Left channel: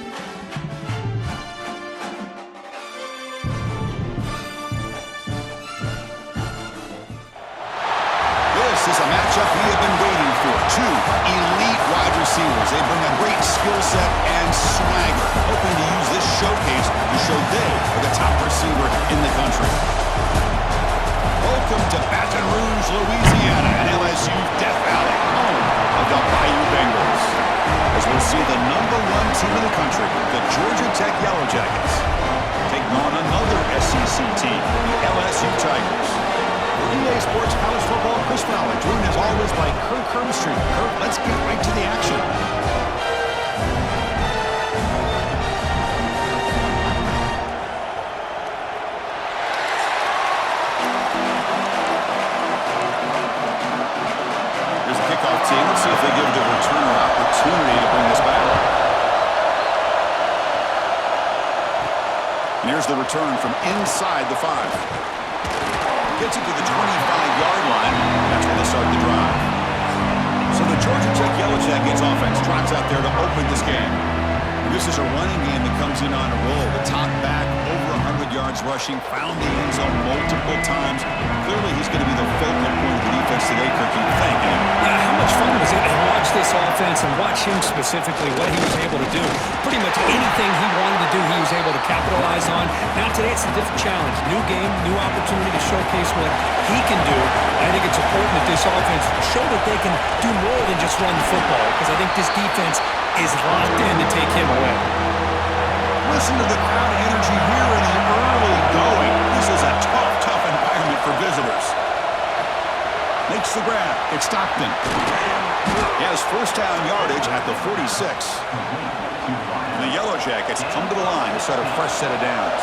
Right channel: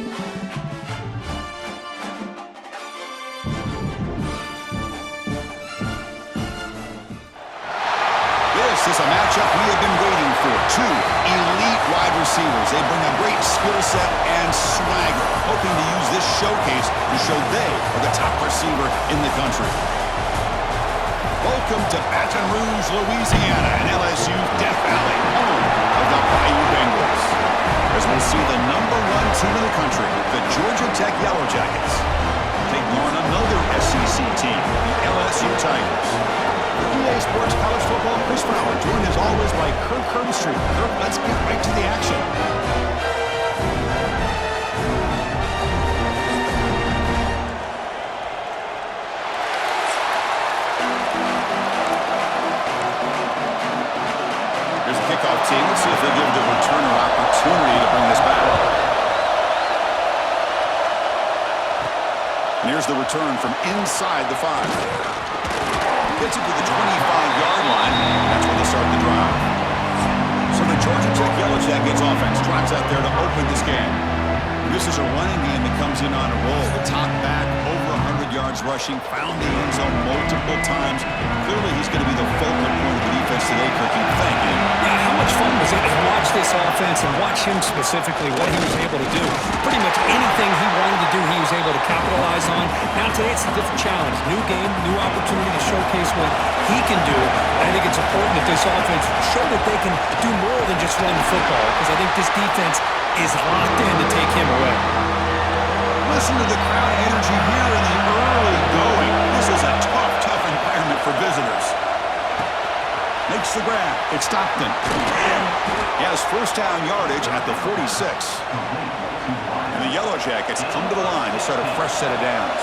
This is a matchup we have been waiting for. Two elite wide receivers. They bring a great skill set and swagger, hoping to use this showcase to show they are the top receiver in the country. Welcome to Baton Rouge, Louisiana, and LSU's Death Valley, home of the Bayou Bengals. As we'll see the #1 team in the country, the Georgia Tech Yellow Jackets, taking on another SEC team, the LSU Tigers. For EA Sports College Football, Chris Fowler, joined as always by Kirk Herbstreit. Kirk, let's get right to the action. Here's the kickoff team. Let's see if they give the returner opportunity to bring this back. And here's the return from inside the 5. Gets it to the 25-yard line. That's where they start the drive. So the Georgia Tech Yellow Jackets offense drives out there to open this game. This is a running game that comes in on a roll. The top back, over 100 yards rushing, found the end zone multiple times. Clearly, he's going to be the focal point of the defense today, Kirk, you'd think. Yeah, how much fun was it to watch this offense and watch him specifically, what he was able to do. Pretty much anything he wanted to do, he was able to capitalize on. Now today, it's a different challenge. New game, new opportunity to showcase what he can do. I think it's important that this offense show that they can do more than just run the football, because I think this defense is locked in to take him away. Listen to the crowd energy here in the early going. This is a tough environment for visitors. Makes the grab. It's Stockton. He has first down yardage at the 46. And the Yellow Jackets come to the line to start a fresh set of downs.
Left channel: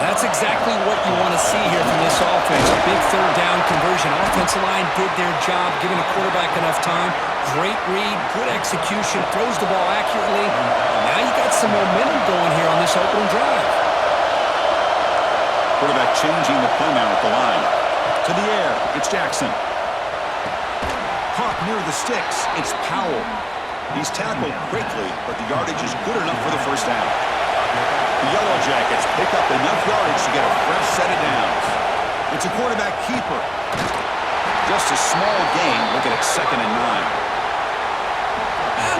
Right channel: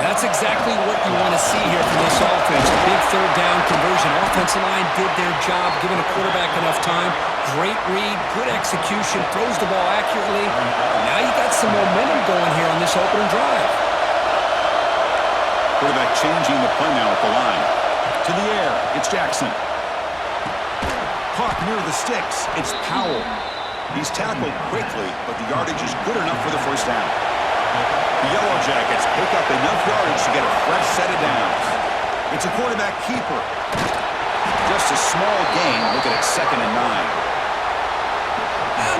That's exactly what you want to see here from this offense. A big third down conversion. Offensive line did their job, giving a quarterback enough time. Great read, good execution, throws the ball accurately. And now you got some momentum going here on this opening drive. Quarterback changing the play now at the line. To the air, it's Jackson. Caught near the sticks, it's Powell. He's tackled quickly, but the yardage is good enough for the first down. The Yellow Jackets pick up enough yardage to get a fresh set of downs. It's a quarterback keeper. Just a small gain. Looking at 2nd and 9.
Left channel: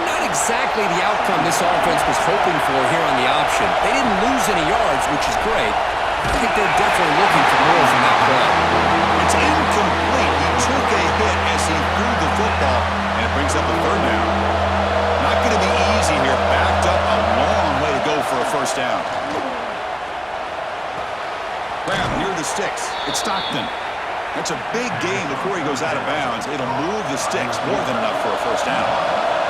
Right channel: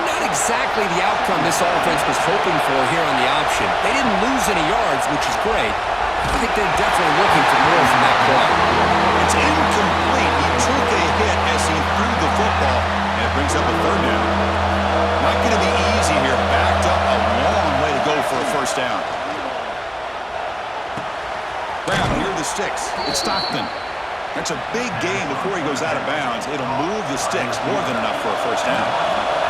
Not exactly the outcome this offense was hoping for here on the option. They didn't lose any yards, which is great. I think they're definitely looking for more from that play. It's incomplete. He took a hit as he threw the football, and it brings up a 3rd down. Not going to be easy here. Backed up a long way to go for a first down. Grab near the sticks. It's Stockton. That's a big gain before he goes out of bounds. It'll move the sticks more than enough for a first down.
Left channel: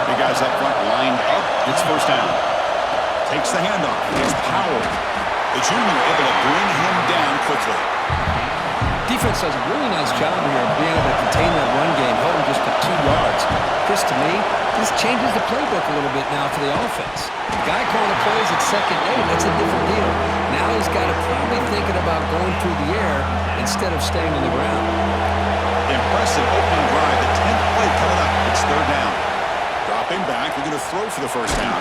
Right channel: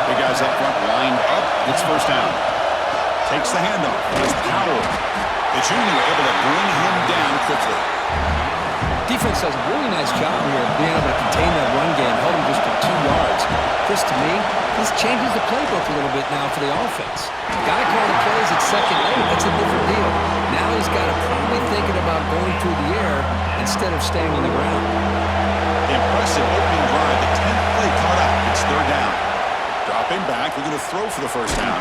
Big guys up front lined up. It's first down. Takes the handoff. It's Powell. The junior able to bring him down quickly. Defense does a really nice job here of being able to contain that run game, held him just to 2 yards. Chris, to me, this changes the playbook a little bit now for the offense. The guy calling plays at 2nd and 8, that's a different deal. Now he's got to probably thinking about going through the air instead of staying on the ground. Impressive opening drive. The 10th play coming up. It's 3rd down. Dropping back. We're going to throw for the first down.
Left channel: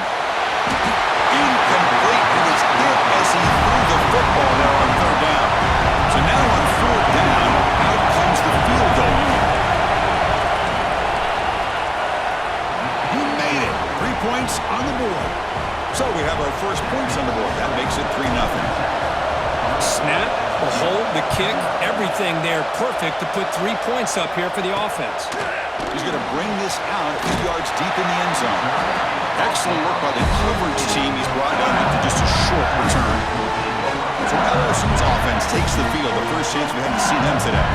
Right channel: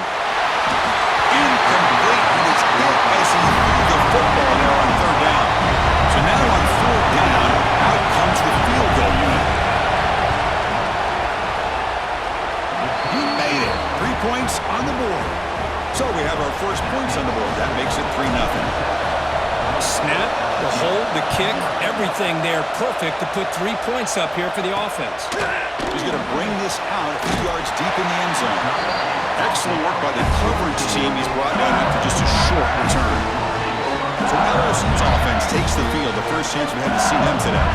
Incomplete. He was hit as he threw the football there on 3rd down. So now on 4th down, out comes the field goal unit. He made it. 3 points on the board. So we have our first points on the board. That makes it 3-0. Snap, the hold, the kick, everything there perfect to put 3 points up here for the offense. He's going to bring this out a few yards deep in the end zone. Excellent work by the coverage team. He's brought down after just a short return. So LSU's offense takes the field. The first chance we had to see them today.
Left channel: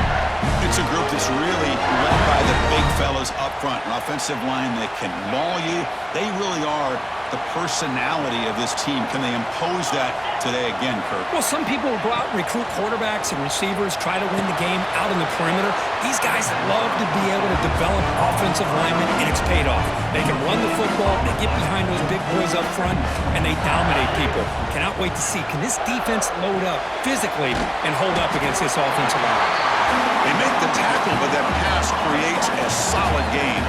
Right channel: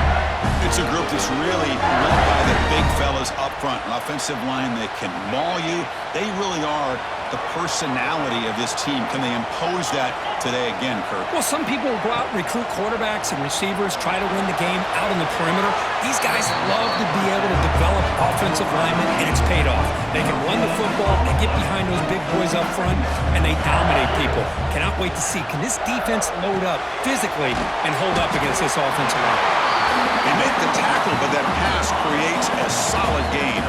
It's a group that's really led by the big fellas up front. An offensive line that can maul you. They really are the personality of this team. Can they impose that today again, Kirk? Well, some people go out and recruit quarterbacks and receivers, try to win the game out on the perimeter. These guys love to be able to develop offensive linemen, and it's paid off. They can run the football, they get behind those big boys up front, and they dominate people. Cannot wait to see, can this defense load up physically and hold up against this offensive line? They make the tackle, but that pass creates a solid gain.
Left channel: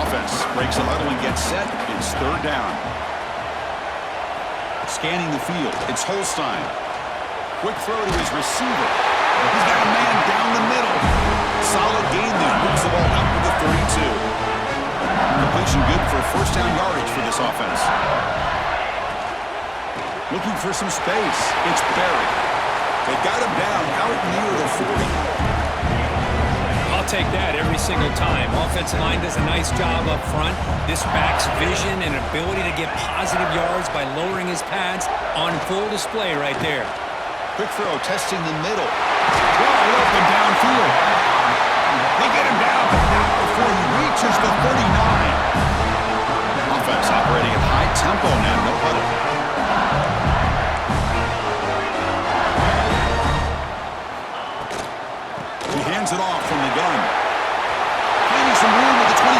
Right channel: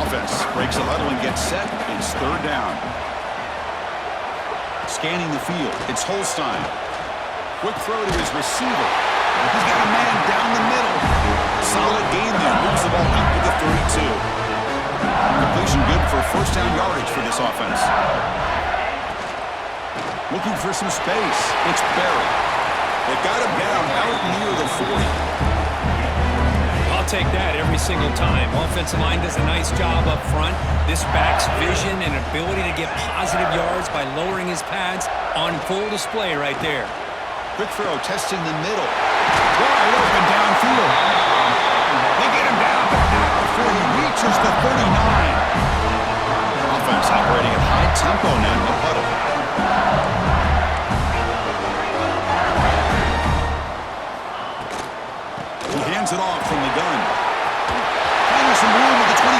Offense breaks the huddle and gets set. It's 3rd down. Scanning the field, it's Holstein. Quick throw to his receiver. He's got a man down the middle. Solid gain there. Moves the ball out with the 32. Completion good for first down yardage for this offense. Looking for some space. It's Berry. They've got him down out near the 40. I'll take that every single time. Offensive line does a nice job up front. This back's vision and ability to get positive yards by lowering his pads on full display right there. Quick throw, testing the middle. Wide open downfield. They get him down, but not before he reaches the 39. Offense operating at high tempo now, no huddle. He hands it off from the gun. Finding some room with the 25.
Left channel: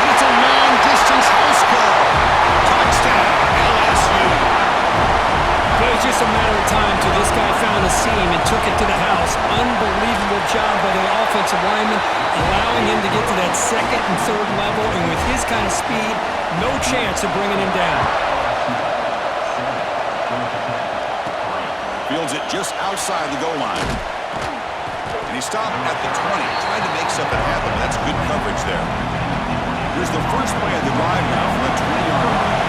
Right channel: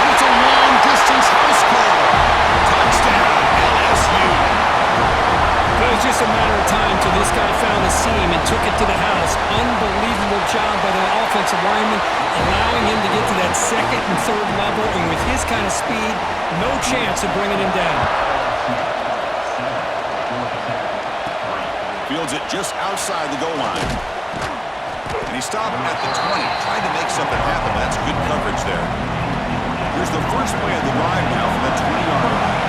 And it's a long-distance house call. Touchdown, LSU. But it was just a matter of time till this guy found a seam and took it to the house. Unbelievable job by the offensive lineman, allowing him to get to that second and third level, and with his kind of speed, no chance of bringing him down. Fields it just outside the goal line. And he stopped at the 20, tried to make something happen, but that's good coverage there. Here's the first play of the drive now from the 20-yard line.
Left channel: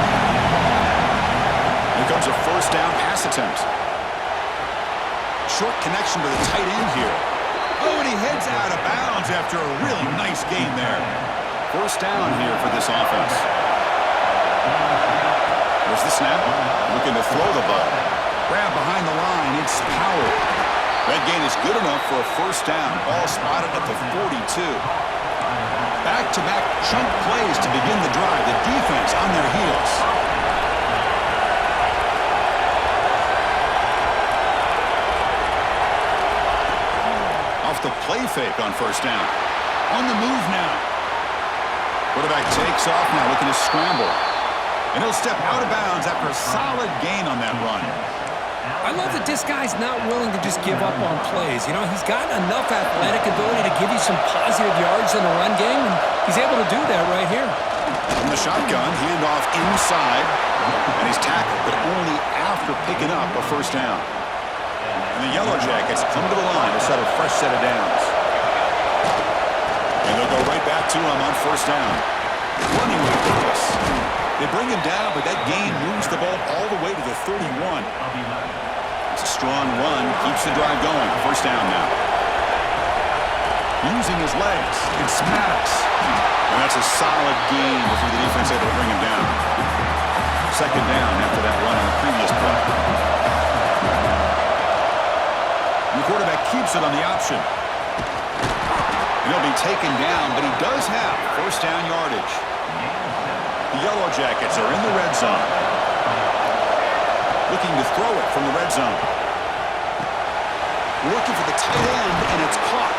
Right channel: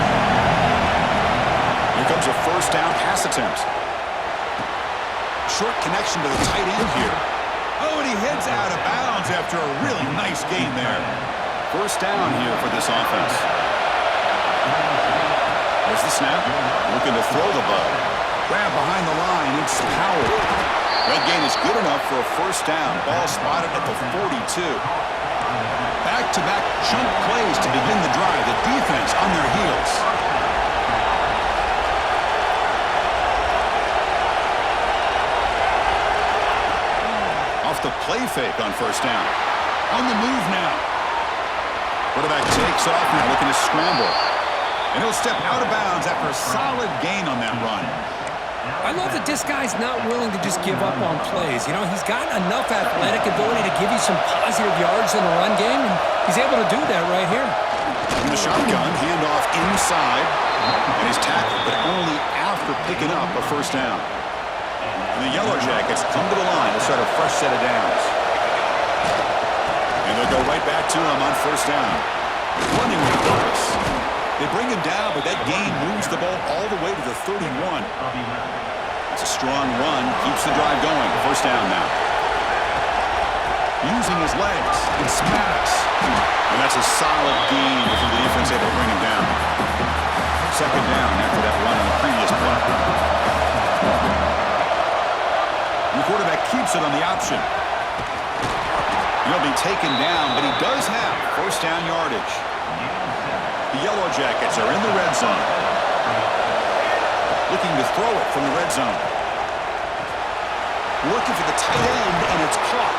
Here comes a first down pass attempt. Short connection to the tight end here. Oh, and he heads out of bounds after a really nice gain there. First down here for this offense. There's the snap. Looking to throw the ball. Grab behind the line. It's Powell. That gain is good enough for a first down. Ball spotted at the 42. Back-to-back chunk plays to begin the drive. The defense on their heels. Off the play fake on first down. On the move now. Quarterback takes off now, looking to scramble. And he'll step out of bounds after a solid gain on that run. I love that this guy's not willing to just give up on plays. You know, he's got enough athletic ability to give you some positive yards in the run game, and he's able to do that right here. From the shotgun, handoff inside, and he's tackled, but only after picking up a first down. And the Yellow Jackets come to the line to set a fresh set of downs. And they'll go right back to him on first down. Running with purpose. They bring him down, but that gain moves the ball all the way to the 31. It's a strong run, keeps the drive going. First down now. Using his legs, it's Maddox. And that's a solid gain before the defense able to bring him down. Second down after that run on the previous play. The quarterback keeps it on the option. He'll be taken down, but he does have first down yardage. The Yellow Jackets are in the red zone. Looking to throw it from the red zone. Looking for the tight end, and it's caught.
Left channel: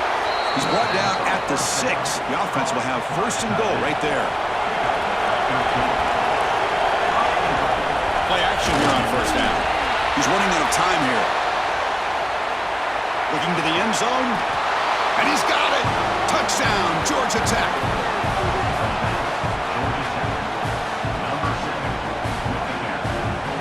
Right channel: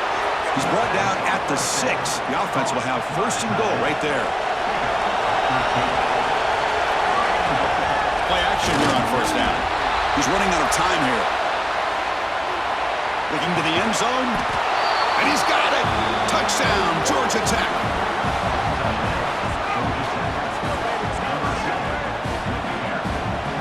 He's brought down at the 6. The offense will have first and goal right there. Play action here on first down. He's running out of time here. Looking to the end zone, and he's got it. Touchdown, Georgia Tech.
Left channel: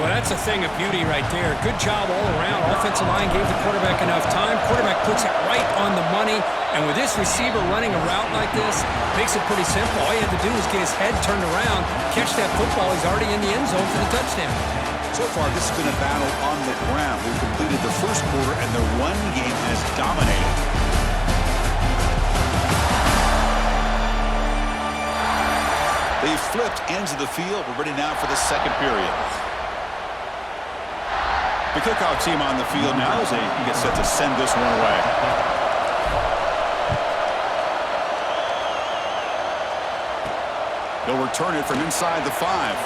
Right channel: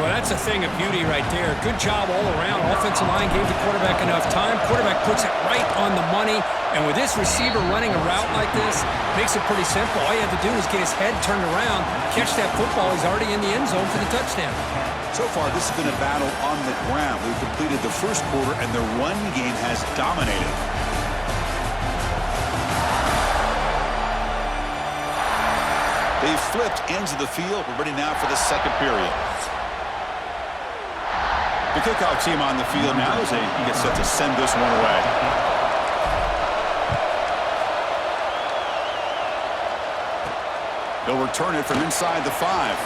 Well, that's a thing of beauty right there. Good job all around. Offensive line gave the quarterback enough time. Quarterback puts it right on the money. And with this receiver running a route like this, makes it pretty simple. All you have to do is get his head turned around, catch that football. He's already in the end zone for the touchdown. So far, this has been a battle on the ground. We've completed the first quarter, and the run game has dominated. They've flipped ends of the field. We're ready now for the second period. The kickoff team on the field now as they get set to send this one away. They'll return it from inside the 5.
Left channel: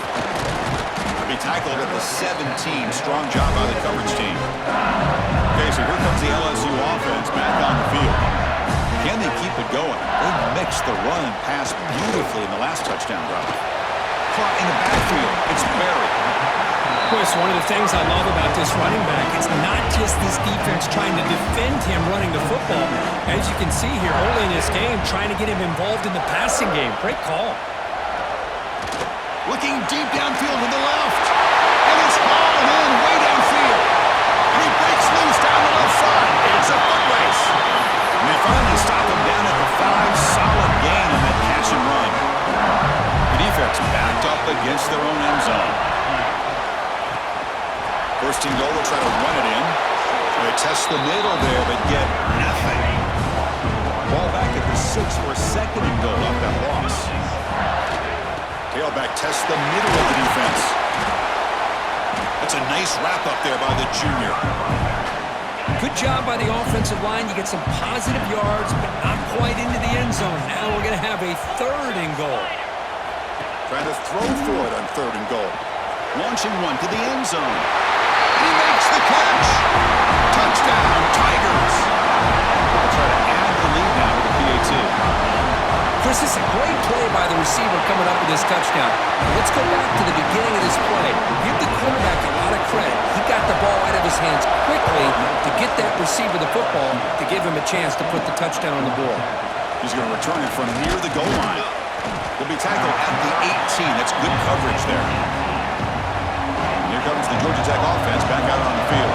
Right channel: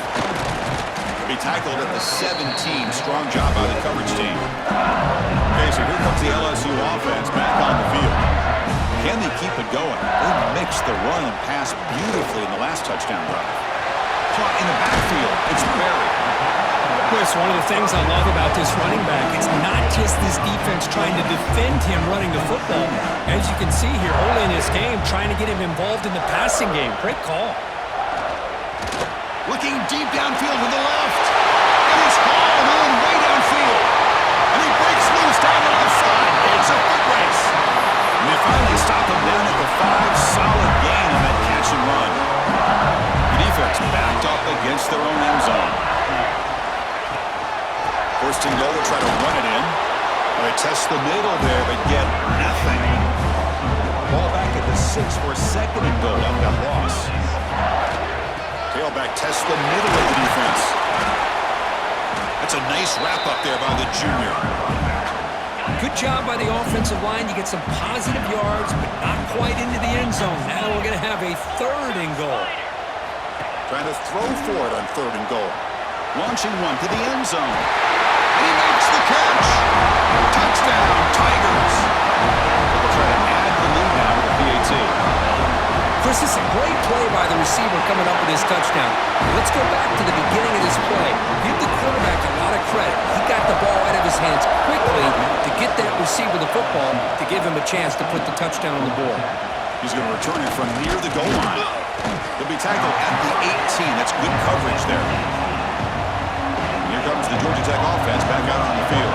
They'll be tackled at the 17. Strong job by the coverage team. Okay, so here comes the LSU offense back on the field. Can they keep it going? They mixed the run and pass beautifully in the last touchdown drive. Caught in the backfield. It's Berry. Well, it's one of the things I love about this running back. It's not just this defense trying to defend him running the football. As you can see here, early in this game, trying to get him involved in the passing game. Great call. looking deep downfield to the left. And it's hauled in way downfield. And he breaks loose down the left side. It's a foot race. And they finally stop him down at the 5. Solid gain on that catch and run. The defense backed up against their own end zone. First and goal, they'll try to run it in. They test the middle there, but get nothing. Ball back at the 6 for a second and goal off that loss. Tailback tests the middle of the defense. That's a nice wrap up there by the junior. Good job by the offensive line. You get some positive yards, but not quite into the end zone. Now we're going to have a 3rd and goal. Trying to throw for it on 3rd and goal. Launching one to the end zone. And he makes the catch. Touchdown, Tigers. They'll try to add the lead now with a PAT. Chris, this is a great play by the receiver coming up with this touchdown. But let's go back to the beginning of this play. Give the quarterback a lot of credit. He got the ball out of his hands quickly to get that receiver the football to give him a chance to put the touchdown on the board. He's going to return it from near the goal line. He'll be tackled at the 18. That's good coverage there. And here comes the Georgia Tech offense back out on the field.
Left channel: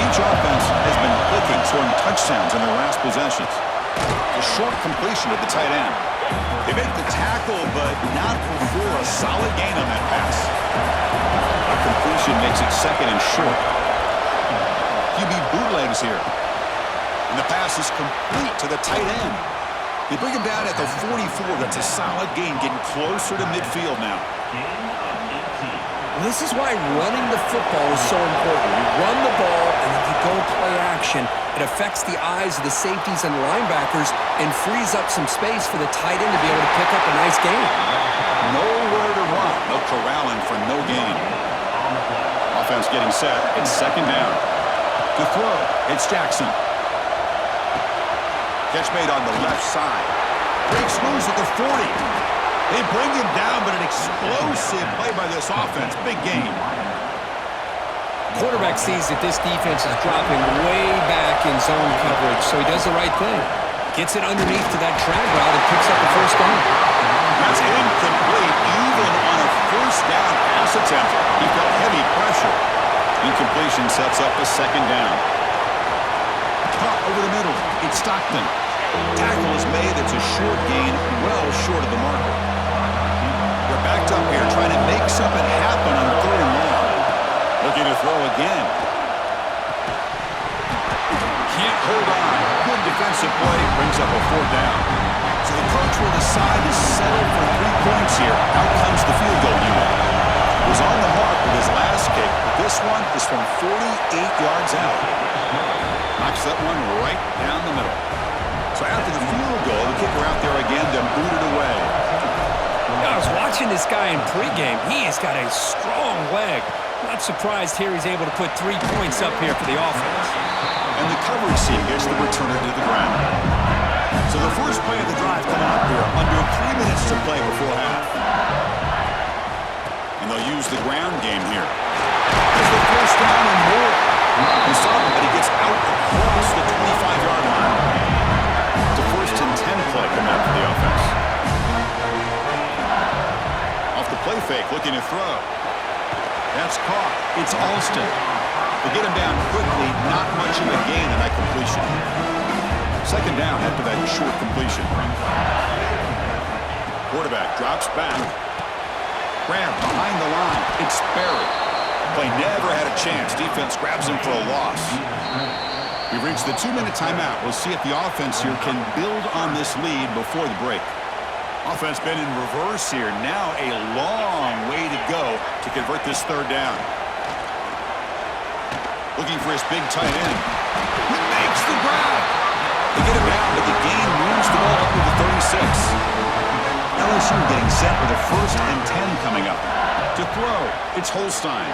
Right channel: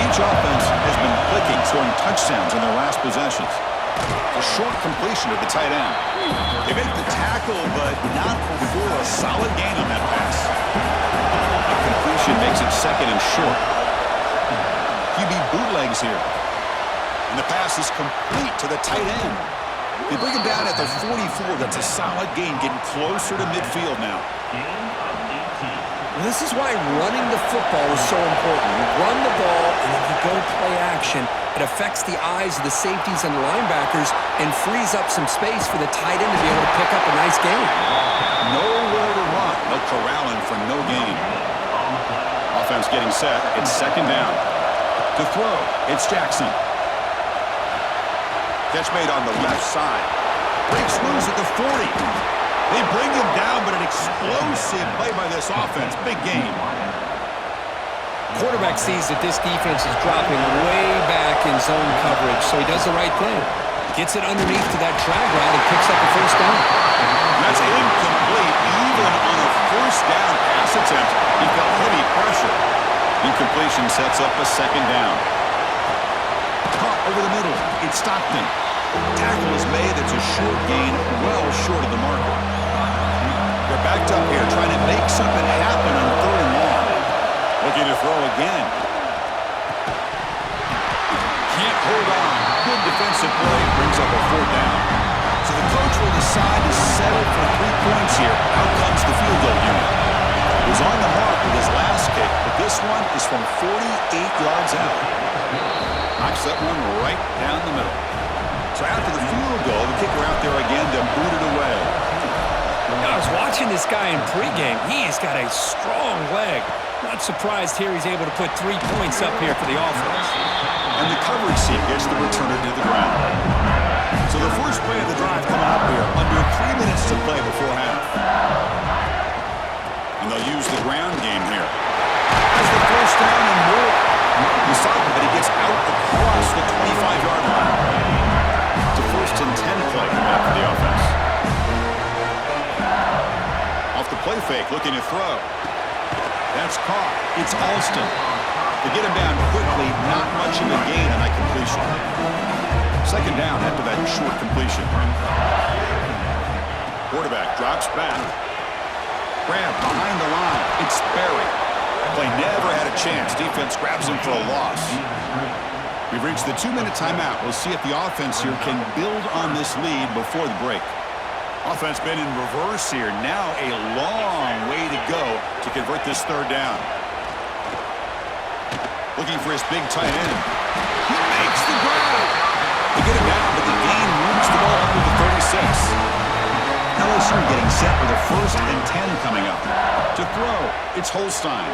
Each offense has been clicking, scoring touchdowns in their last possessions. A short completion at the tight end. They make the tackle, but not before a solid gain on that pass. A completion makes it 2nd and short. QB bootlegs here. And the pass is complete to the tight end. They bring him down at the 44. That's a solid gain, getting closer to midfield now. This is why running the football is so important. You run the ball, and then you go play action. It affects the eyes of the safeties and the linebackers and frees up some space for the tight end to be able to pick up a nice gain. Nowhere to run. They'll corral him for no gain. Offense getting set. It's 2nd down. To throw, it's Jackson. Catch made on the left side. Breaks loose at the 40. They bring him down, but an explosive play by this offense. Big game. Quarterback sees that this defense is dropping way back in zone coverage, so he does the right thing. Gets it underneath to that drag route and picks up the 1st down. That's incomplete. Even on a 1st down pass attempt, he felt heavy pressure. Incompletion sets up a 2nd down. Caught over the middle. It's Stockton. Tackle is made. It's a short gain, well short of the marker. They're backed up here, trying to make something happen on 3rd and long. Looking to throw again. Can't hold on. Good defensive play. Brings up a 4th down. So the coach will decide to settle for 3 points here. Out comes the field goal unit. He was on the mark with his last kick, but this one is from 48 yards out. Knocks that one right down the middle. So after the field goal, the kicker out there again to boot it away. I was watching this guy in pregame. He has got a strong leg. Not surprised here he's able to put 3 points up here for the offense. And the coverage team gets the returner to the ground. So the first play of the drive coming up here, under 3 minutes to play before half. And they'll use the ground game here. As the 1st down and more. He saw him, but he gets out across the 25-yard line. It's a 1st and 10 play coming up for the offense. Off the play fake, looking to throw. That's caught. It's Alston. They get him down quickly, not much of a gain on that completion. 2nd down after that short completion. Quarterback drops back. Grab behind the line. It's Sperry. Play never had a chance. Defense grabs him for a loss. We've reached the 2-minute timeout. We'll see if the offense here can build on this lead before the break. Offense been in reverse here. Now a long way to go to convert this 3rd down. Looking for his big tight end. He makes the grab. They get him down, but the gain moves the ball up to the 36. LSU getting set with a 1st and 10 coming up. To throw, it's Holstein.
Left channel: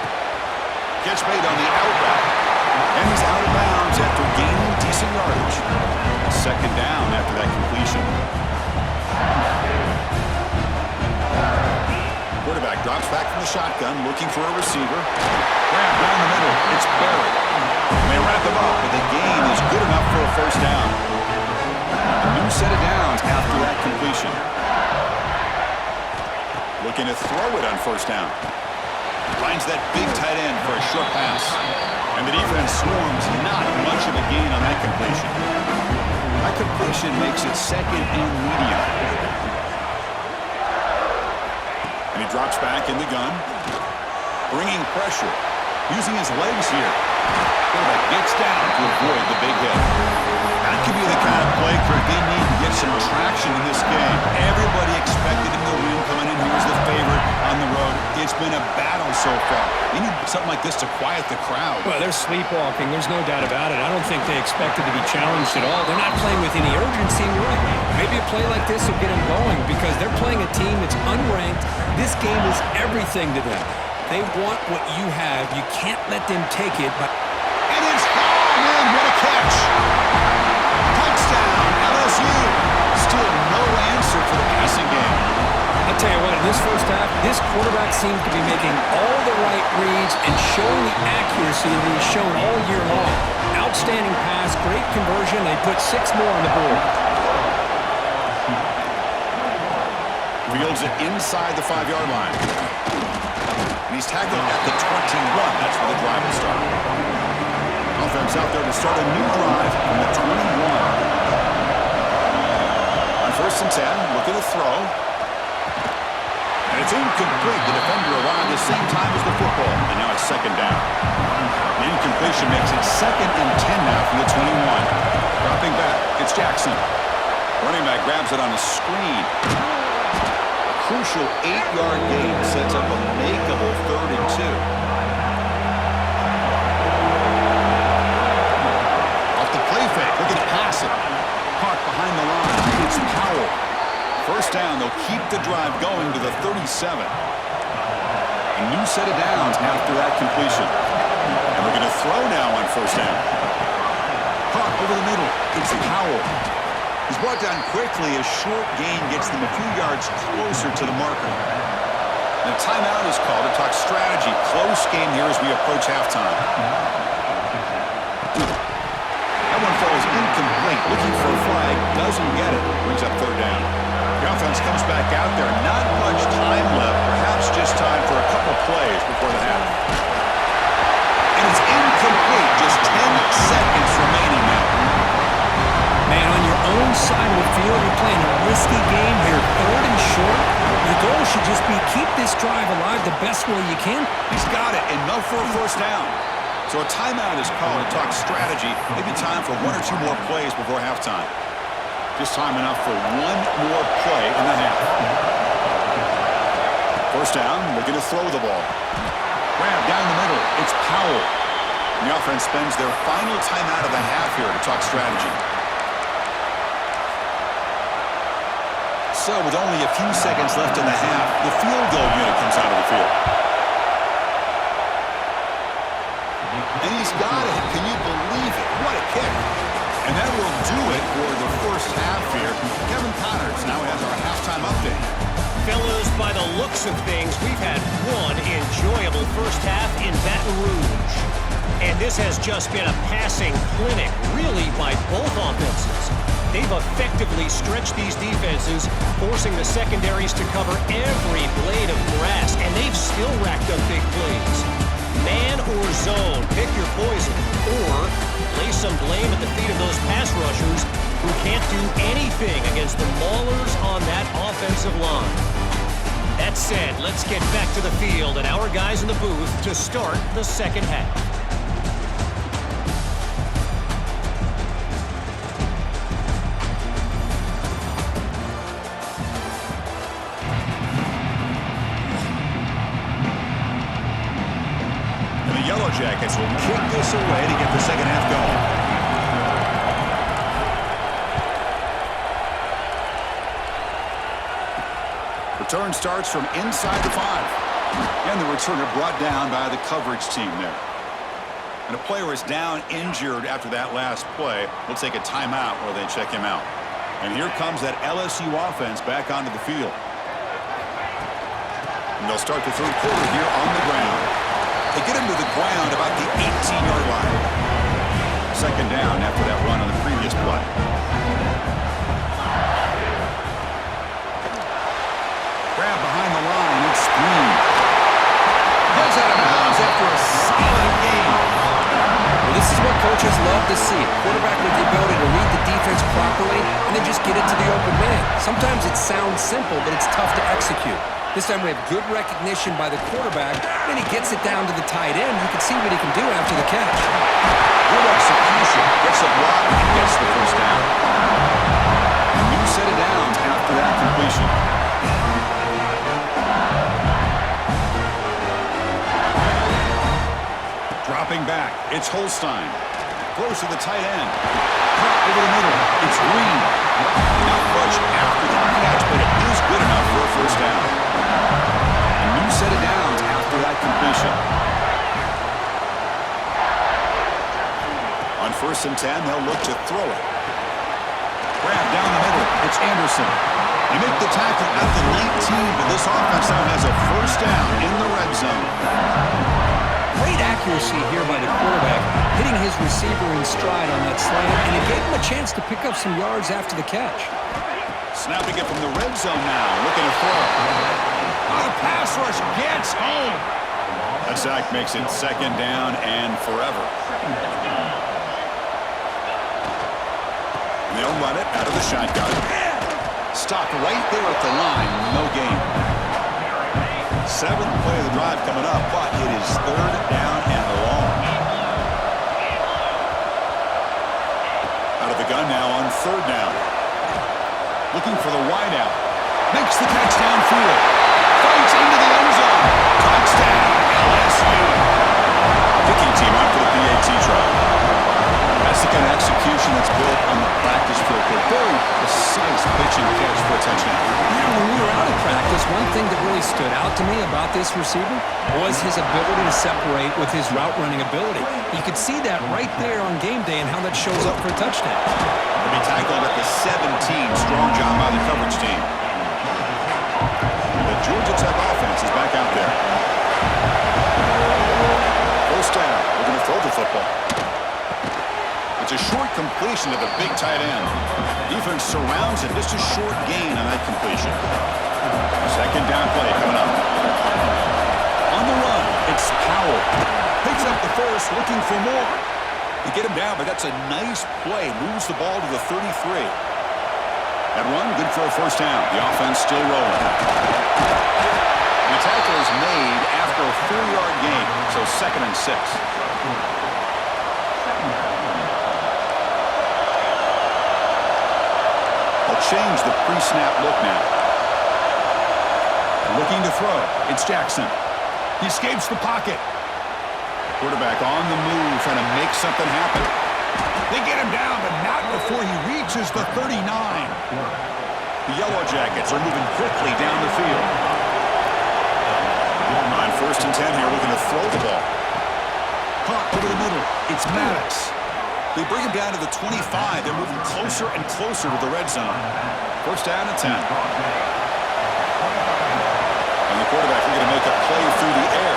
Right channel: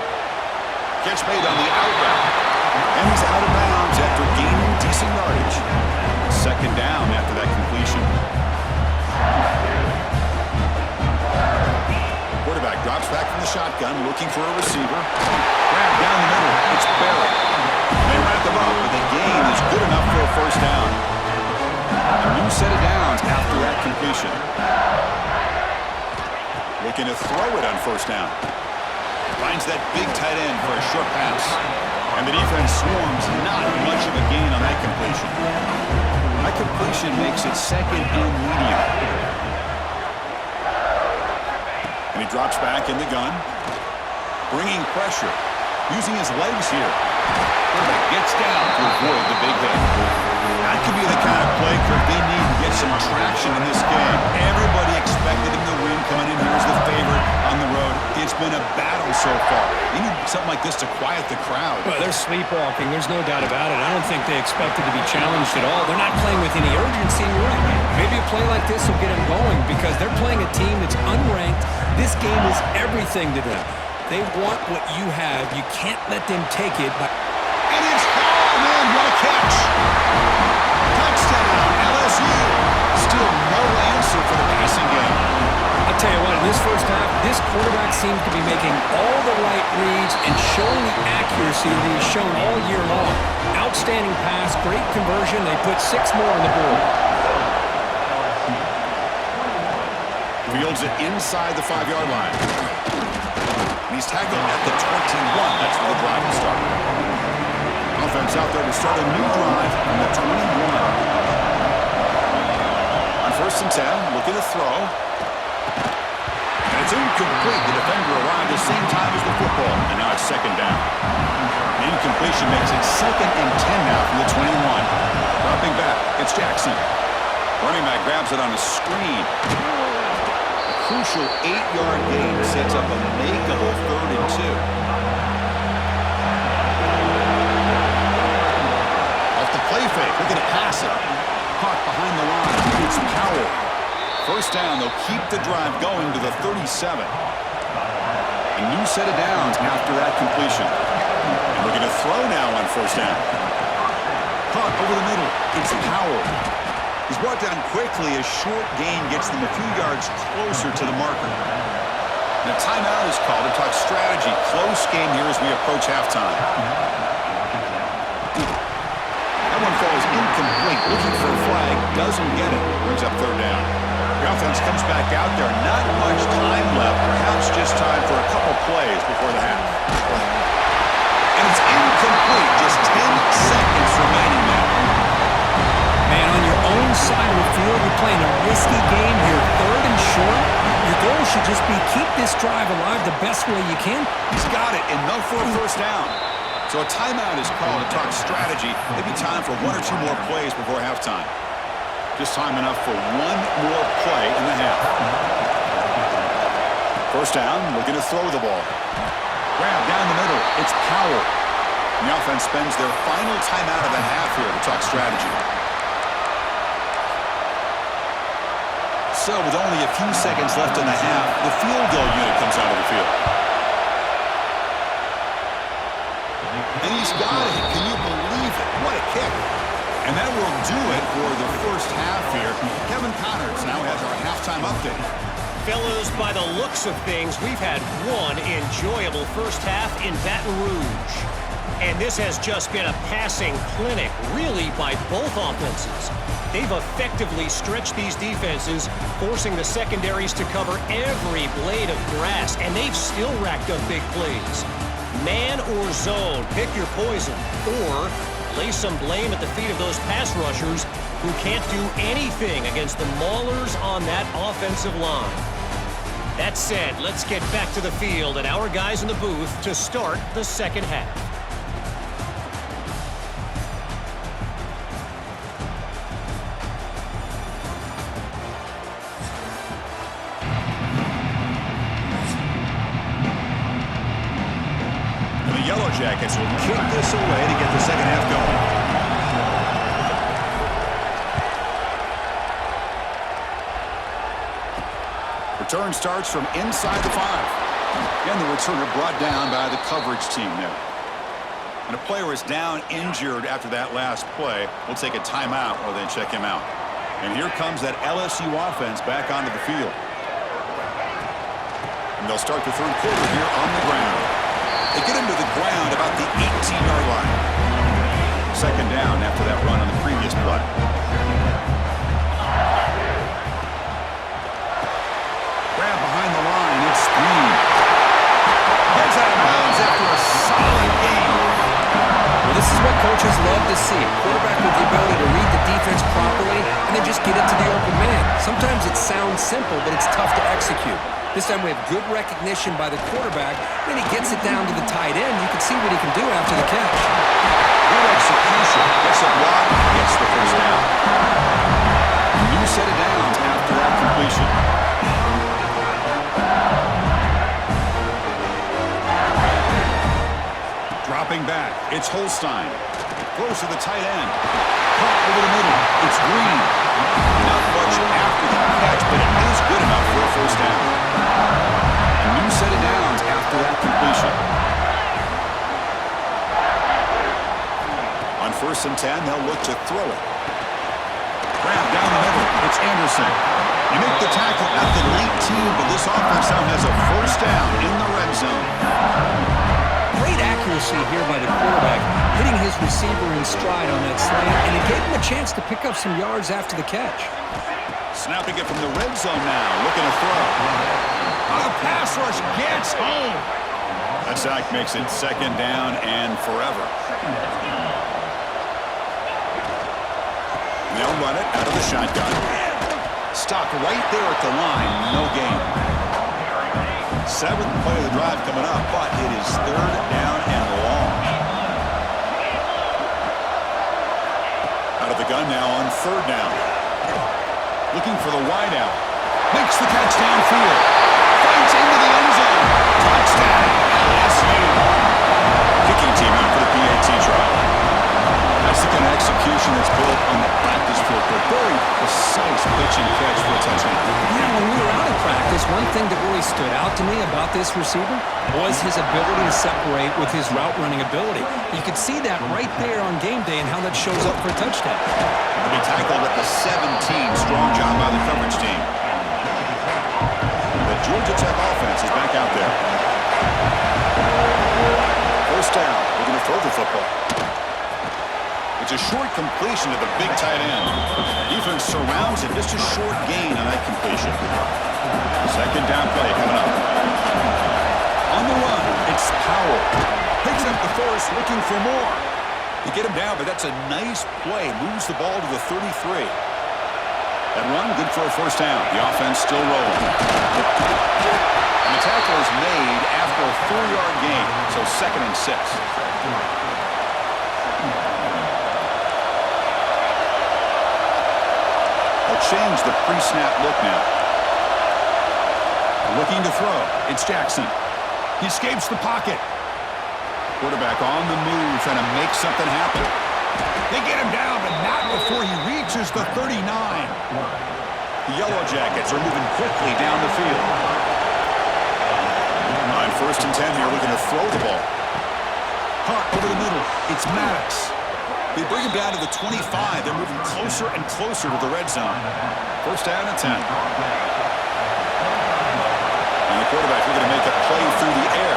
Catch made on the out route. And he's out of bounds after gaining decent yardage. 2nd down after that completion. Quarterback drops back from the shotgun, looking for a receiver. Grab down the middle. It's Berry. They wrap him up, but the gain is good enough for a 1st down. A new set of downs after that completion. Looking to throw it on first down. Finds that big tight end for a short pass. And the defense swarms, not much of a gain on that completion. That completion makes it second and medium. And he drops back in the gun. Bringing pressure. Using his legs here. Quarterback gets down to avoid the big hit. That could be the kind of play, Kirk, they need to get some traction in this game. Everybody expected him to win coming in here as the favorite on the road. It's been a battle so far. They need something like this to quiet the crowd. Well, they're sleepwalking. There's no doubt about it. I don't think they expected to be challenged at all. They're not playing with any urgency, and you're right. Maybe a play like this will get them going because they're playing a team that's unranked. This game is everything to them. They want what you have. You can't let them take it. And it's home in. What a catch. Touchdown, LSU. Still no answer for the passing game. I'll tell you what, in this first half, this quarterback seems to be making all the right reads and showing the accuracy that he's shown all year long. Outstanding pass, great conversion. They put 6 more on the board. Fields it inside the 5-yard line. And he's tackled at the 21. That's where the drive will start. Offense out there to start a new drive from the 21. On first and 10, looking to throw. And it's incomplete. The defender arrived the same time as the football. And now it's second down. The incompletion makes it second and 10 now from the 21. Dropping back, it's Jackson. Running back grabs it on a screen. Crucial 8-yard gain sets up a makeable 3rd and 2. Off the play fake, looking to pass it. Caught behind the line. It's Powell. First down, they'll keep the drive going to the 37. A new set of downs after that completion. And looking to throw now on first down. Caught over the middle. It's Powell. He's brought down quickly as short gain gets them a few yards closer to the marker. And a timeout is called to talk strategy. Close game here as we approach halftime. That one falls incomplete. Looking for a flag. Doesn't get it. Brings up 3rd down. The offense comes back out there. Not much time left. Perhaps just time for a couple plays before the half. And it's incomplete. Just 10 seconds remaining now. Man, on your own side of the field, you're playing a risky game here. 3rd and short. Your goal should just be keep this drive alive the best way you can. He's got it. Enough for a first down. So a timeout is called to talk strategy. Maybe time for 1 or 2 more plays before halftime. Just time enough for 1 more play in the half. First down, looking to throw the ball. Grab down the middle. It's Powell. And the offense spends their final timeout of the half here to talk strategy. So with only a few seconds left in the half, the field goal unit comes out of the field. And he's got it. Can you believe it? What a kick. And that will do it for the first half here. Kevin Connors now has our halftime update. Fellas, by the looks of things, we've had one enjoyable first half in Baton Rouge. And this has just been a passing clinic, really, by both offenses. They've effectively stretched these defenses, forcing the secondaries to cover every blade of grass, and they've still racked up big plays. Man or zone, pick your poison, or lay some blame at the feet of those pass rushers who can't do anything against the maulers on that offensive line. That said, let's get back to the field and our guys in the booth to start the second half. Yellow Jackets will kick this away to get the second half going. Return starts from inside the 5. And the returner brought down by the coverage team there. And a player is down injured after that last play. We'll take a timeout while they check him out. And here comes that LSU offense back onto the field. And they'll start the third quarter here on the ground. They get him to the ground about the 18-yard line. Second down after that run on the previous play. Grab behind the line. It's Green. Heads out of bounds after a solid game. Well, this is what coaches love to see. A quarterback with the ability to read the defense properly and then just get it to the open man. Sometimes it sounds simple, but it's tough to execute. This time we have good recognition by the quarterback. Then he gets it down to the tight end. You can see what he can do after the catch. Good execution. Gets a block and gets the first down. A new set of downs after that completion. Dropping back, it's Holstein. Throws to the tight end. Caught over the middle, it's Green. Not much after the catch, but it is good enough for a first down. A new set of downs after that completion. On 1st and 10, they'll look to throw it. Grab down the middle, it's Anderson. They make the tackle at the 19, but this offense now has a first down in the red zone. Great accuracy here by the quarterback, hitting his receiver in stride on that slant, and it gave him a chance to pick up some yards after the catch. Snapping it from the red zone now, looking to throw. The pass rush gets home. That sack makes it 2nd down and forever. And they'll run it out of the shotgun. Stopped right there at the line, no gain. 7th play of the drive coming up, but it is 3rd down and long. Out of the gun now on 3rd down. Looking for the wideout. Makes the catch downfield. Fights into the end zone. Touchdown, LSU. Kicking team out for the PAT try. That's the kind of execution that's built on the practice field. Very precise pitch and catch for a touchdown. Yeah, when we were out of practice, one thing that really stood out to me about this receiver was his ability to separate with his route running ability. You could see that right there on game day and how that shows up for a touchdown. He'll be tackled at the 17. Strong job by the coverage team. The Georgia Tech offense is back out there. First down. We're going to throw the football. It's a short completion to the big tight end. Defense surrounds it. Just a short gain on that completion. 2nd down play coming up. On the run, it's Powell. Picks up the first, looking for more. They get him down, but that's a nice play. Moves the ball to the 33. That run, good for a first down. The offense still rolling. And the tackle is made after a 4-yard gain, so 2nd and 6. They'll change the pre-snap look now. Looking to throw. It's Jackson. He escapes the pocket. Quarterback on the move, trying to make something happen. They get him down, but not before he reaches the 39. The Yellow Jackets are moving quickly down the field. On 1st and 10 here, looking to throw the ball. Caught over the middle. It's Maddox. They bring him down to the 25. They're moving closer and closer to the red zone. First down and 10. And the quarterback looking to make a play through the air.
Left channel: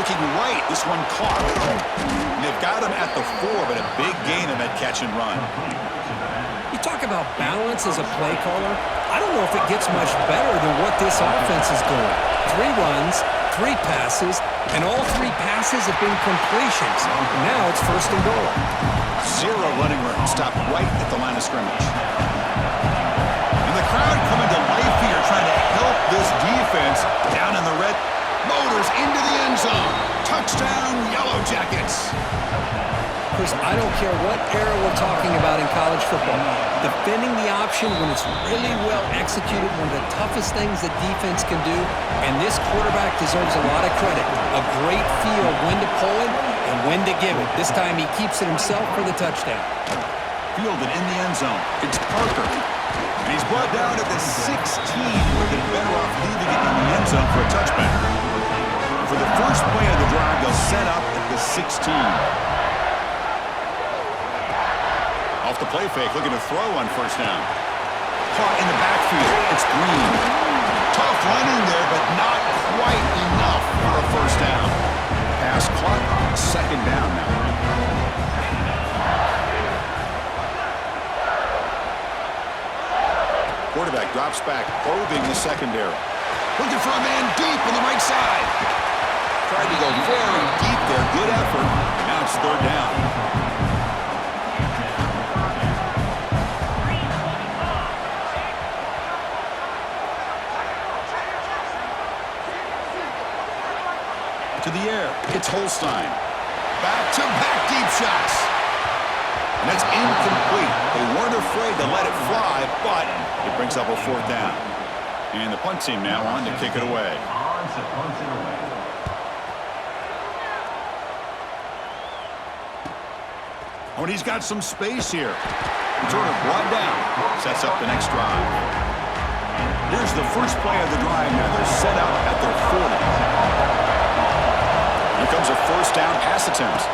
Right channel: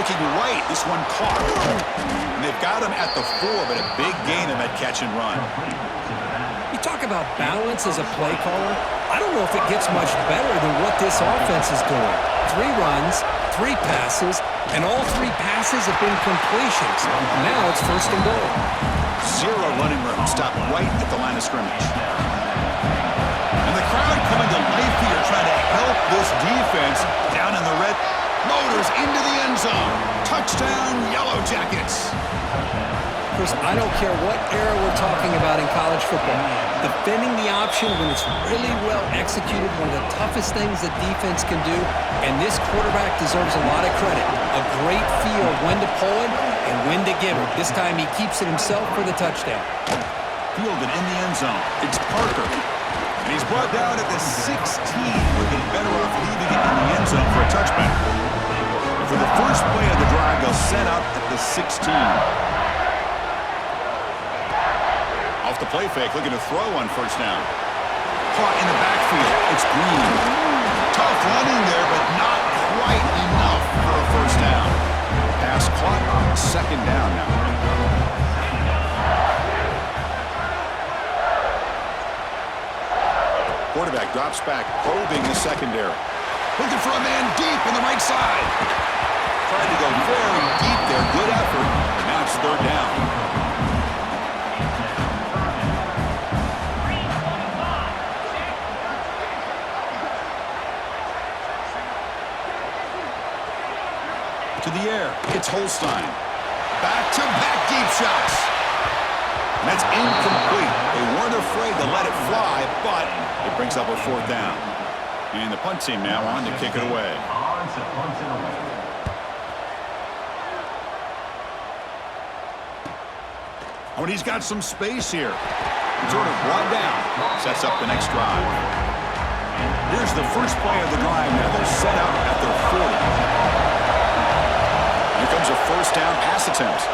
Looking right, this one caught. And they've got him at the 4, but a big gain in that catch and run. You talk about balance as a play caller. I don't know if it gets much better than what this offense is doing. 3 runs, 3 passes, and all 3 passes have been completions. And now it's 1st and goal. 0 running room. Stopped right at the line of scrimmage. And the crowd coming to life here, trying to help this defense down in the red. Motors into the end zone. Touchdown, Yellow Jackets. Chris, I don't care what era we're talking about in college football. Defending the option when it's really well executed, one of the toughest things that defense can do, and this quarterback deserves a lot of credit. A great feel of when to pull it and when to give it. This time he keeps it himself for the touchdown. Fielded in the end zone. It's Parker. And he's brought down at the 16. Would have been better off leaving it in the end zone for a touchback. And for the first play of the drive, they'll set up at the 16. Off the play fake, looking to throw on 1st down. Caught in the backfield. It's Green. Tough running there, but not quite enough for a first down. Pass caught. 2nd down now. quarterback drops back, probing the secondary. Looking for a man deep in the right side. Tried to go very deep there. Good effort. And now it's third down. To the air. It's Holstein. Back-to-back deep shots. And that's incomplete. They weren't afraid to let it fly, but it brings up a fourth down. And the punt team now on to kick it away. Oh, and he's got some space here. Returner brought down. Sets up the next drive. Here's the first play of the drive now. They're set up at their 40. Here comes a first down pass attempt.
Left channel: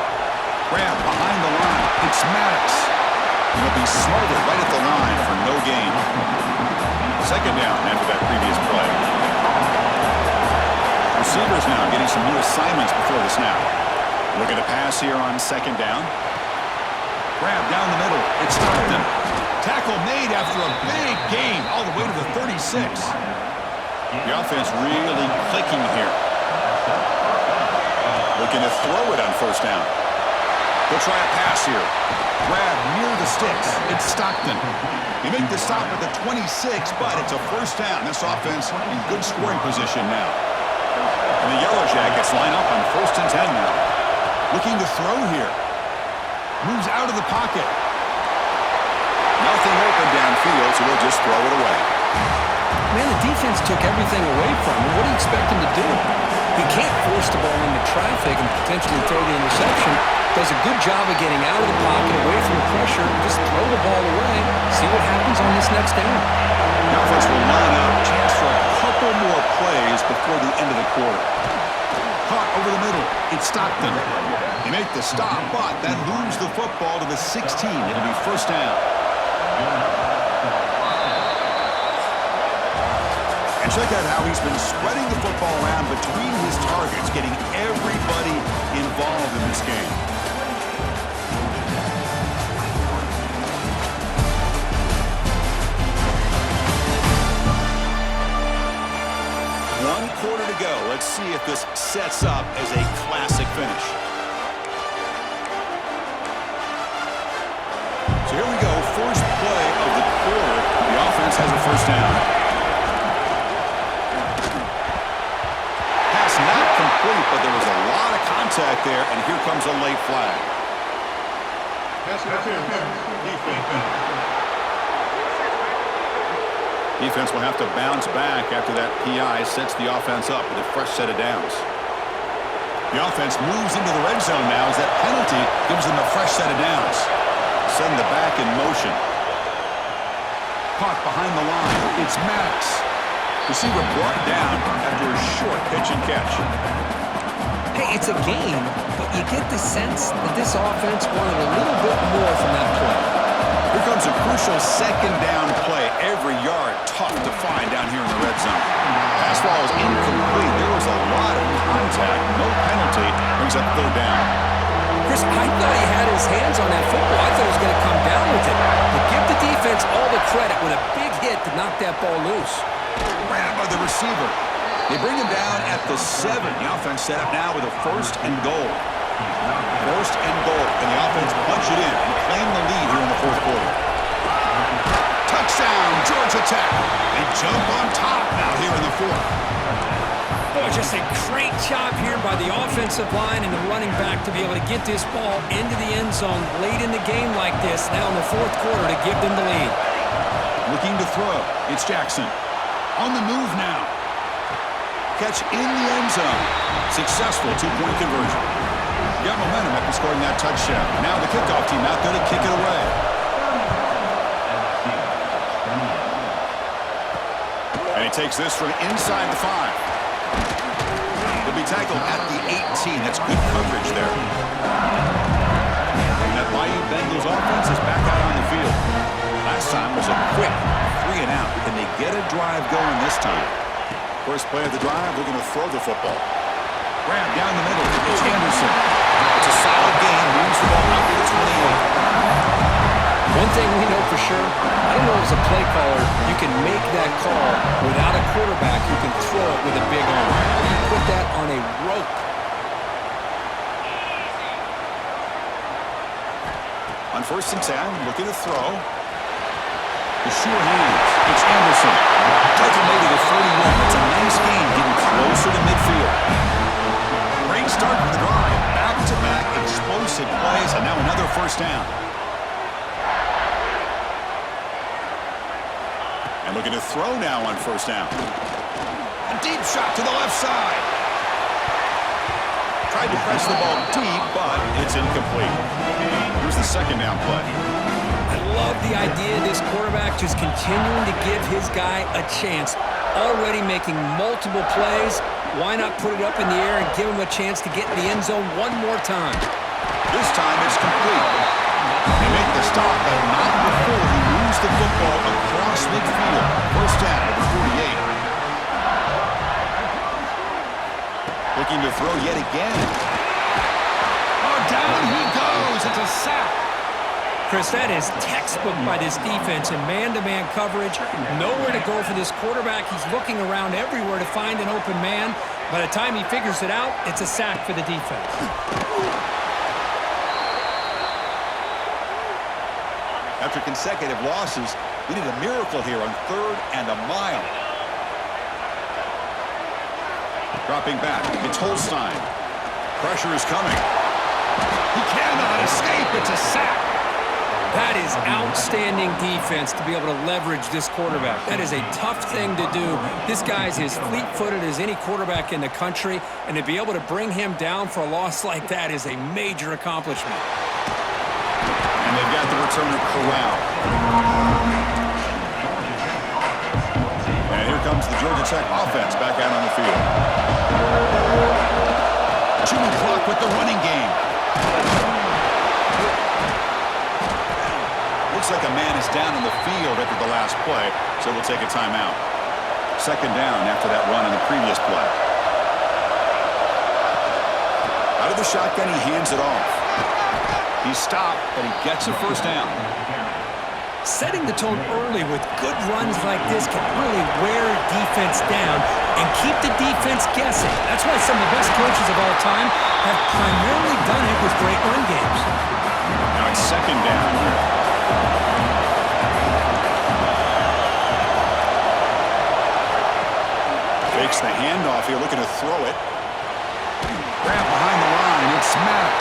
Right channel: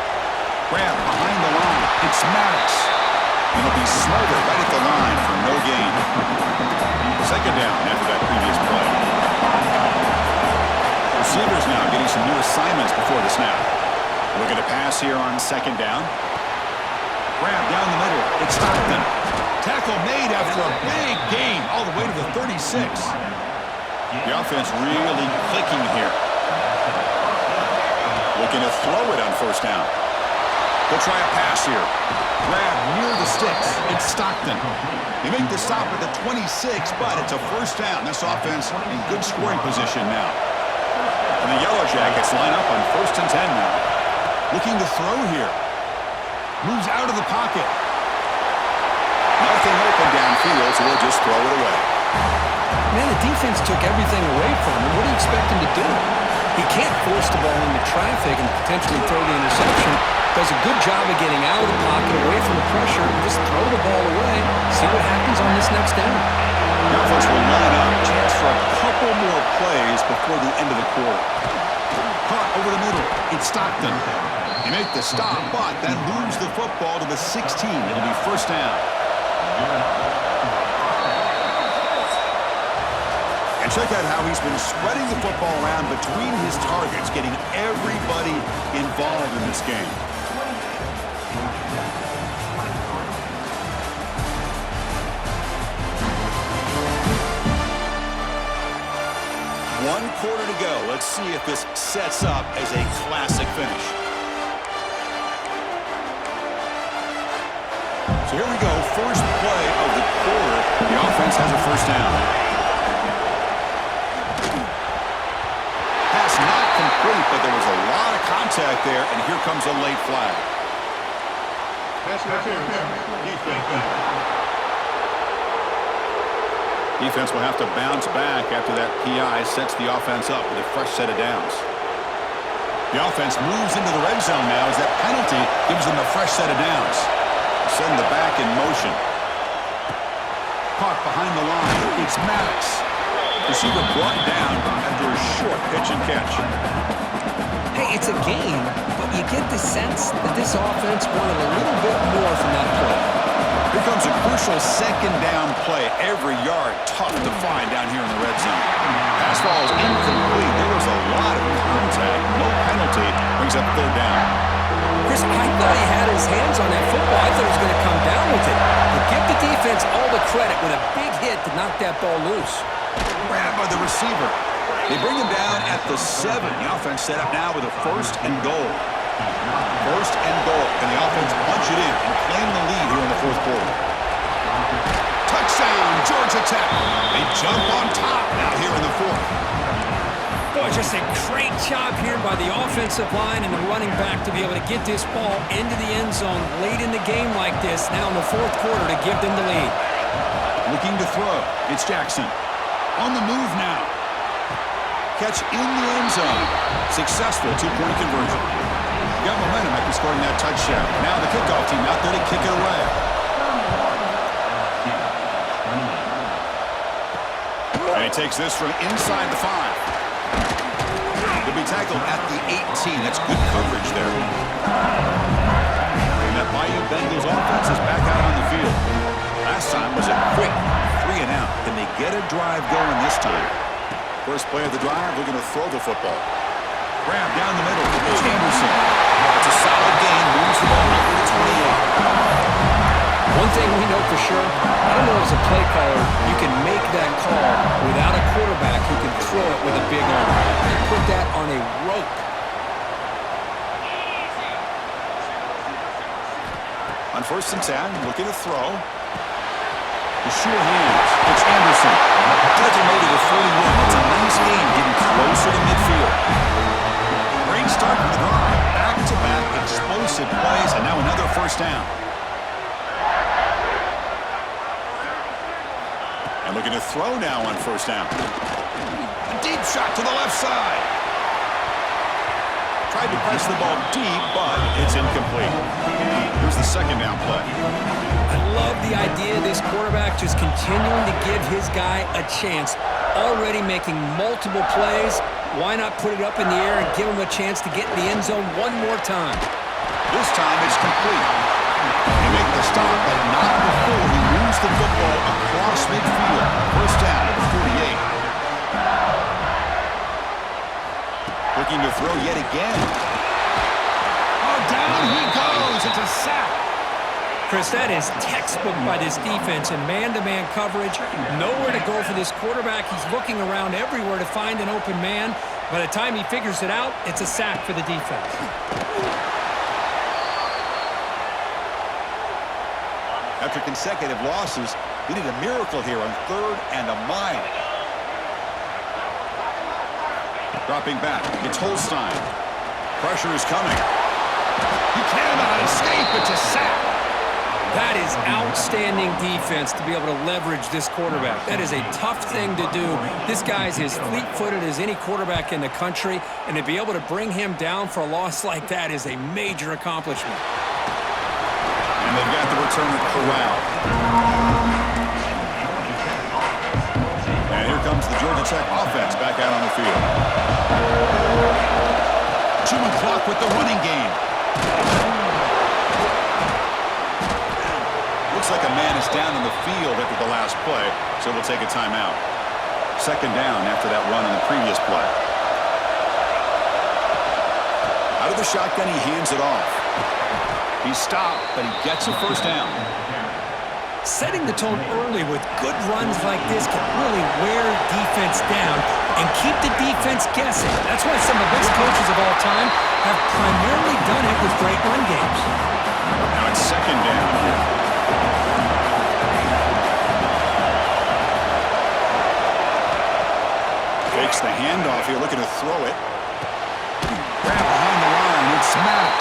Grab behind the line. It's Maddox. He'll be smothered right at the line for no gain. Second down after that previous play. Receivers now getting some new assignments before the snap. Looking to pass here on second down. Grab down the middle. It's Stockton. Tackle made after a big gain all the way to the 36. The offense really clicking here. Looking to throw it on first down. They'll try a pass here. Grab near the sticks. It's Stockton. They make the stop at the 26, but it's a first down. This offense in good scoring position now. And the Yellow Jackets line up on 1st and 10 now. Looking to throw here. Moves out of the pocket. Nothing open downfield, so we'll just throw it away. Man, the defense took everything away from him. What do you expect him to do? He can't force the ball into traffic and potentially throw the interception. Does a good job of getting out of the pocket, away from the pressure, just throw the ball away, see what happens on this next down. The offense will line up, chance for a couple more plays before the end of the quarter. Caught over the middle, it's Stockton. They make the stop, but then lose the football to the 16. It'll be first down. And check out how he's been spreading the football around between his targets, getting everybody involved in this game. One quarter to go. Let's see if this sets up as a classic finish. So here we go. First play of the quarter. The offense has a first down. Pass not complete, but there was a lot of contact there, and here comes a late flag. Defense will have to bounce back after that PI sets the offense up with a fresh set of downs. The offense moves into the red zone now as that penalty gives them a fresh set of downs. Send the back in motion. Caught behind the line. It's Maddox. Receiver brought down after a short pitch and catch. Hey, it's a game, but you get the sense that this offense wanted a little bit more from that play. Here comes a crucial second down play. Every yard tough to find down here in the red zone. Pass ball is incomplete. There was a lot of contact. No penalty. Brings up third down. Chris, I thought he had his hands on that football. I thought he was going to come down with it. But give the defense all the credit with a big hit to knock that ball loose. Grabbed by the receiver. They bring him down at the 7. The offense set up now with a first and goal. First and goal. Can the offense punch it in and claim the lead here in the fourth quarter? Touchdown, Georgia Tech. They jump on top now here in the fourth. Boy, just a great job here by the offensive line and the running back to be able to get this ball into the end zone late in the game like this, now in the fourth quarter to give them the lead. Looking to throw. It's Jackson. On the move now. Catch in the end zone. Successful two-point conversion. Got momentum after scoring that touchdown. Now the kickoff team out there to kick it away. And he takes this from inside the 5. He'll be tackled at the 18. That's good coverage there. And that Bayou Bengals offense is back out on the field. Last time was a quick 3 and out. Can they get a drive going this time? First play of the drive, looking to throw the football. Grab down the middle. It's Anderson. It's a solid gain. Moves the ball out to the 28. One thing we know for sure, I don't know as a play caller, you can make that call without a quarterback who can throw it with a big arm. You put that on a rope. On 1st and 10, looking to throw. The sure hands. It's Anderson. Doesn't make it to 41. It's a nice game getting closer to midfield. Great start to the drive. Back-to-back explosive plays, and now another first down. And looking to throw now on 1st down. A deep shot to the left side. Tried to press the ball deep, but it's incomplete. Here's the 2nd down play. I love the idea of this quarterback just continuing to give his guy a chance. Already making multiple plays. Why not put it up in the air and give him a chance to get in the end zone one more time? This time it's complete. They make the stop, but not before he moves the football across midfield. 1st down to the 48. Looking to throw yet again. Oh, down he goes. It's a sack. Chris, that is textbook by this defense in man-to-man coverage. Nowhere to go for this quarterback. He's looking around everywhere to find an open man. By the time he figures it out, it's a sack for the defense. After consecutive losses, we need a miracle here on 3rd and a mile. Dropping back, it's Holstein. Pressure is coming. He cannot escape. It's a sack. That is outstanding defense to be able to leverage this quarterback. That is a tough thing to do. This guy's as fleet-footed as any quarterback in the country, and to be able to bring him down for a loss like that is a major accomplishment. And they've got the returner corralled. And here comes the Georgia Tech offense back out on the field. Chewing clock with the running game. Looks like a man is down on the field after the last play, so we'll take a timeout. 2nd down after that run on the previous play. Out of the shotgun, he hands it off. He's stopped, but he gets a 1st down. Setting the tone early with good runs like this can really wear defense down and keep the defense guessing. That's why some of the best coaches of all time have primarily done it with great run games. Now it's 2nd down here. Fakes the handoff here, looking to throw it. Grab behind the line, it's Maddox.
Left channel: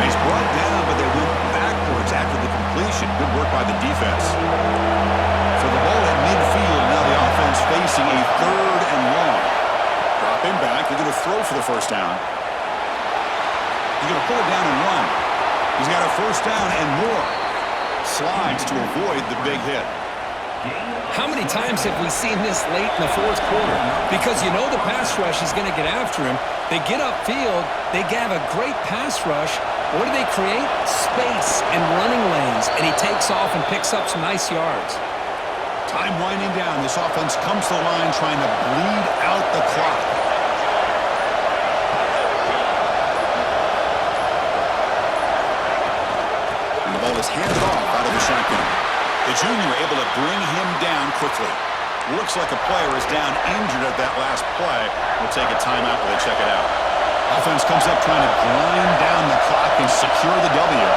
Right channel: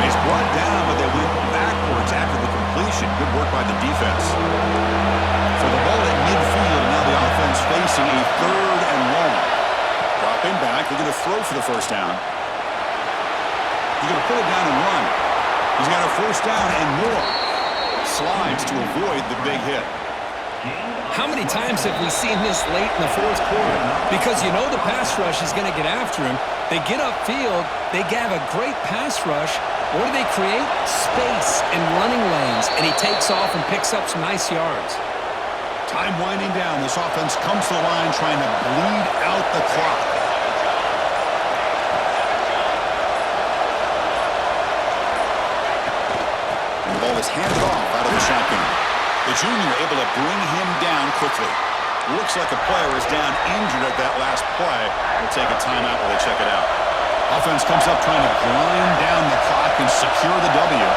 And he's brought down, but they went backwards after the completion. Good work by the defense. So the ball at midfield, now the offense facing a 3rd and long. Dropping back, they're going to throw for the 1st down. He's going to pull it down and run. He's got a 1st down and more. Slides to avoid the big hit. How many times have we seen this late in the 4th quarter? Because you know the pass rush is going to get after him. They get upfield. They have a great pass rush. What do they create? Space and running lanes. And he takes off and picks up some nice yards. Time winding down. This offense comes to the line trying to bleed out the clock. And the ball is handed off out of the shotgun. The junior able to bring him down quickly. Looks like a player is down injured at that last play. We'll take a timeout while they check it out. Offense comes up trying to grind down the clock and secure the W.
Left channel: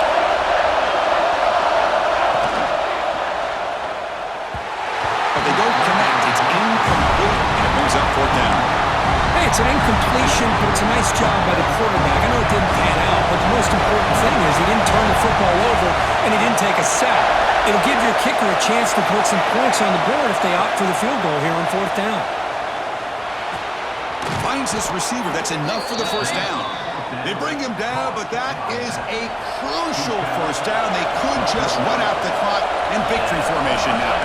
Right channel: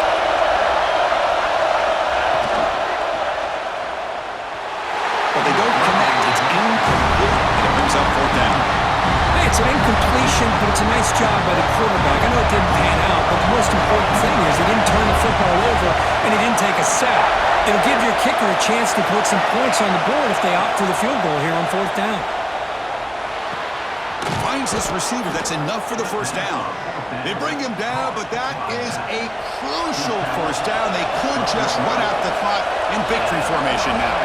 But they don't connect. It's incomplete, and it brings up 4th down. Hey, it's an incompletion, but it's a nice job by the quarterback. I know it didn't pan out, but the most important thing is he didn't turn the football over and he didn't take a sack. It'll give your kicker a chance to put some points on the board if they opt for the field goal here on 4th down. Finds this receiver. That's enough for the 1st down. They bring him down, but that is a crucial 1st down. They could just run out the clock in victory formation now.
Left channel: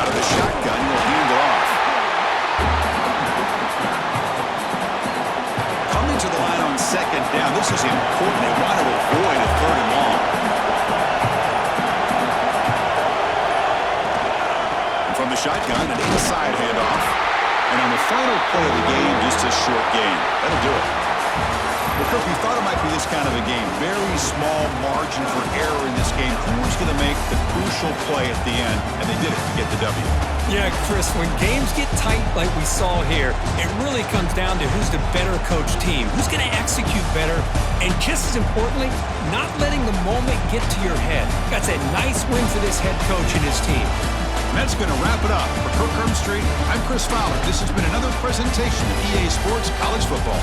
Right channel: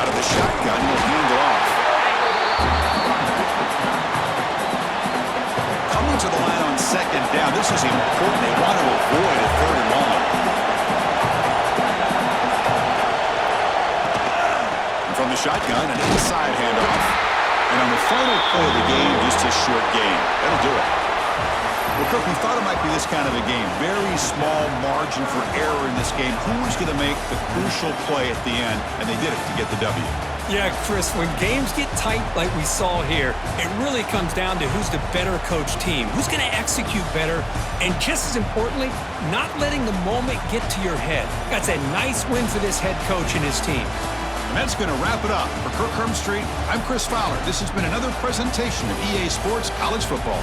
Out of the shotgun, he'll hand it off. Coming to the line on 2nd down. This is important. They want to avoid a 3rd and long. And from the shotgun, an inside handoff. And on the final play of the game, just a short gain. That'll do it. Well, Kirk, we thought it might be this kind of a game. Very small margin for error in this game. Who was going to make the crucial play at the end? And they did it to get the W. Yeah, Chris, when games get tight like we saw here, it really comes down to who's the better coach team, who's going to execute better, and just as importantly, not letting the moment get to your head. That's a nice win for this head coach and his team. And that's going to wrap it up. For Kirk Herbstreit, I'm Chris Fowler. This has been another presentation of EA Sports College Football.